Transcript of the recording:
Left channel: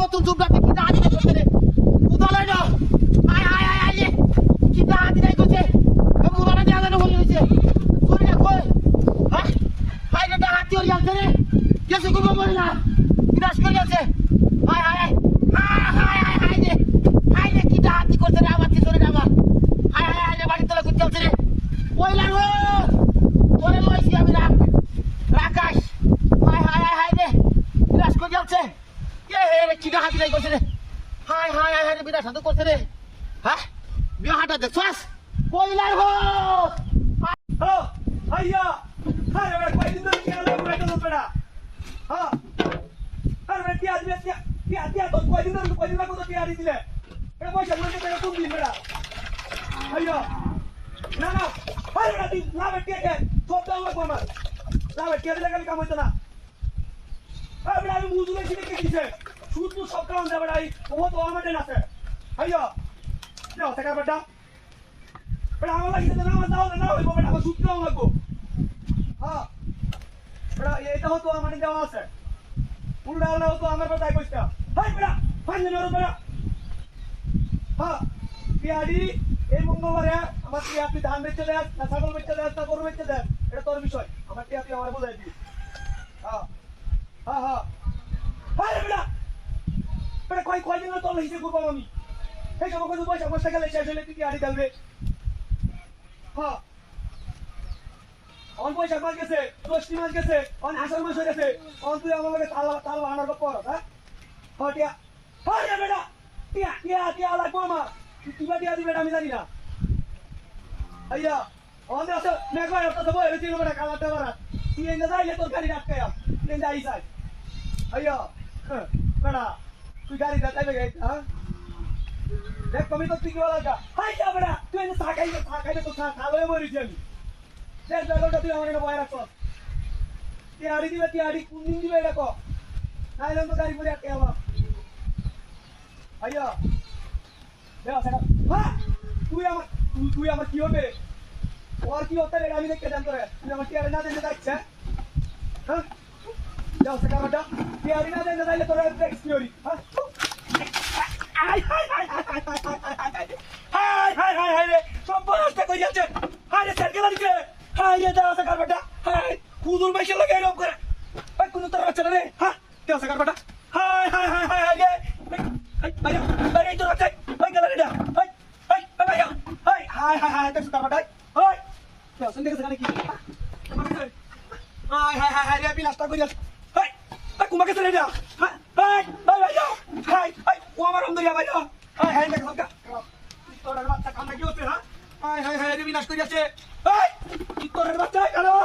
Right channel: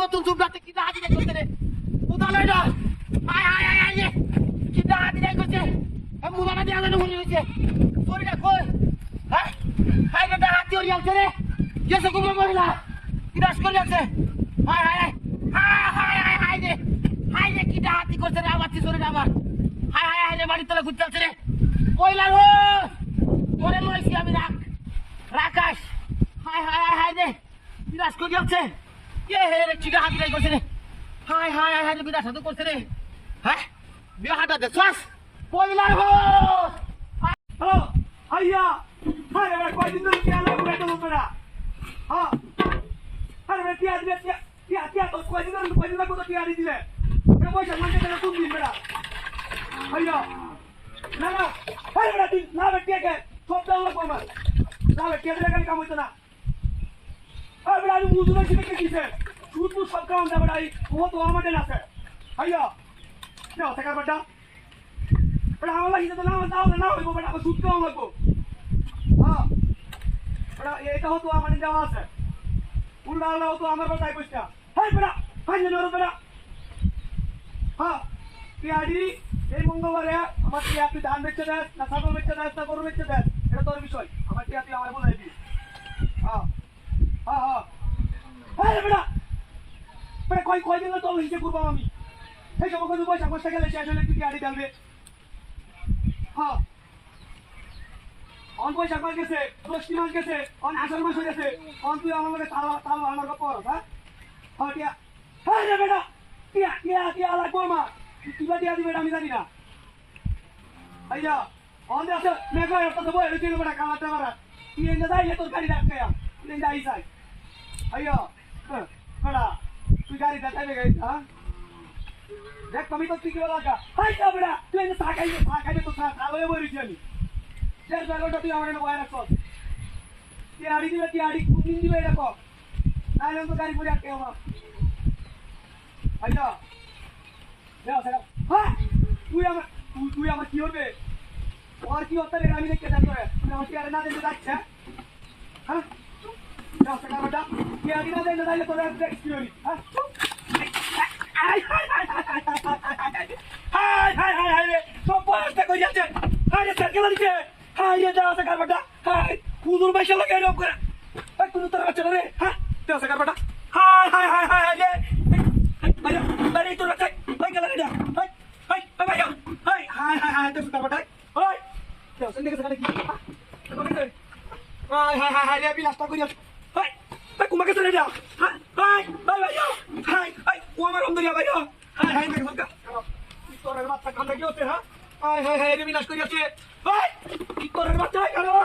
নতুন যুগটাতে কি দাঁড়ি করতে রে উদলই না হাই হাই হাই হাই কি দাঁড়ি করছে মুবারক জানা হই হইছে কই না কই হ্যাঁ হাই রে দাঁড়ি হই যাচ্ছে রে কেসে কবে বলি না বিনাশ করে যাচ্ছে high high high high high high high রে কি দাঁড়ি করছে রে আমার তিসরে আমার হাই হাই হাই রে বাড়ি তলে ঘুরতে যাচ্ছে রে কইলা গো তোরে লইছি আমি রাকাশ হাই হাই হাই হাই রে বিনাশ করে যাচ্ছে ये है रे चिगा हाथी नहीं करते रे हाय हाय हाय रे बिना साधु करते रे हैं बिया हाटा दे श्वास कोई लाल हो हेलो भैया हाय रे कोई दिन क्या लो बैठो लो पेड़ा हां अरे बेटी आदमी क्या तो कोई दिन को तो तैयारी दिले ए पैसा मांगे तेरे तुम दिन पेड़ा भैया ना ना हाय बेटी ना बेटी के सब दाव लगो मत ना बेटी दिले कल काम होता ना अरे बेटा मुझे नहीं कितने किसे छूट तो सब काम है बेटा वो तो हमारे ना से भैया क्या होता है बेटा बेटा हमारा इधर ना ना वो बेटा को छूट काम लगो हां बेटा ये कहो तो हमारे जावा से उड़ा लो तो हमारे बताई पूछता हाय बेटा हाय नरो बेटा हां पियाडी এই মঙ্গলবারে আমার টিয়া তুই ধান বেচতে দেস না ছাগল বেচতে দেস না গরু বেচতে দেস এটা তোর বিষয় আমার টিয়া তুই আমার বলাই দিবি हां हां हां আরে বেটা বেটা কই দিন তো হিসেব করব আমি এই সব কিছু পয়সা কষ্ট গেলে শেষ হলে তুই আড়ি দেবে হ্যাঁ অন পয়সা কই গেছে 10 মাস গেছে অন আষাঢ় মাস হয়ে গেছে অন তুই আমার লগে তাল আনার পর হ্যাঁ হ্যাঁ টিয়া আরে বেটা টিয়া লাগবো মা কিবা টিয়া দিবে আমি জানি না আইয়া অন আছে মেঘলা একটা বই হইছিল বেটা কালাতে বারা তুই এনে যাইলে তোর গাড়ি রাখতে প্লেন যাই যাই আইয়া বেটা তুই গাড়ি রাখতে গাই হ্যাঁ দেখ তুমি তো ঠিক বলা কা আইয়া বেটা তুই এনে সাকাইবে তো সালয়ে বইরিছি আমি দেখ লাগোটা তুই আমার এনে বয় রাখছ টিয়াড়ি দিলে টিয়াড়ি কুনিন দিবে দেখো নাইলে তো গাড়ি পড়ে আটকে আবার আইয়া দেখ সেটা হ্যাঁ তুই আমার কি হবে और की होता है আমি দেখতে জানতো রে তুমি আমার টিয়ারে না দিতে যাচ্ছে হ্যাঁ যাও সেটা বেটা টিয়ারে না দিতে যাইলে তোর এক্সকিউরি হ্যাঁ হাই রে সব বয়সটা কই যাচ্ছে হাই রে সাইকেল দিছে হাই রে যাও সেটা বেটা হাই কুদুর বাইশে লাগে এরকম করে এই কুদুর তোর বাচ্চা রে হ্যাঁ যাও সেটা বেটা হাই রে বাইরে তোর বাচ্চা বাই গেল রে হাই হাই তোর সেটা বেটা high Yo, sendiri sekali gini. Hai, dia bilang tak kuliah. Hai, kumaha kesel dia. Hai, hai, umar dia bayo. Hai, tak sabka. Itu orang baca kamu lagi hote, ha? Hai, dia bilang kuliah. Hai, itu orang baca kalau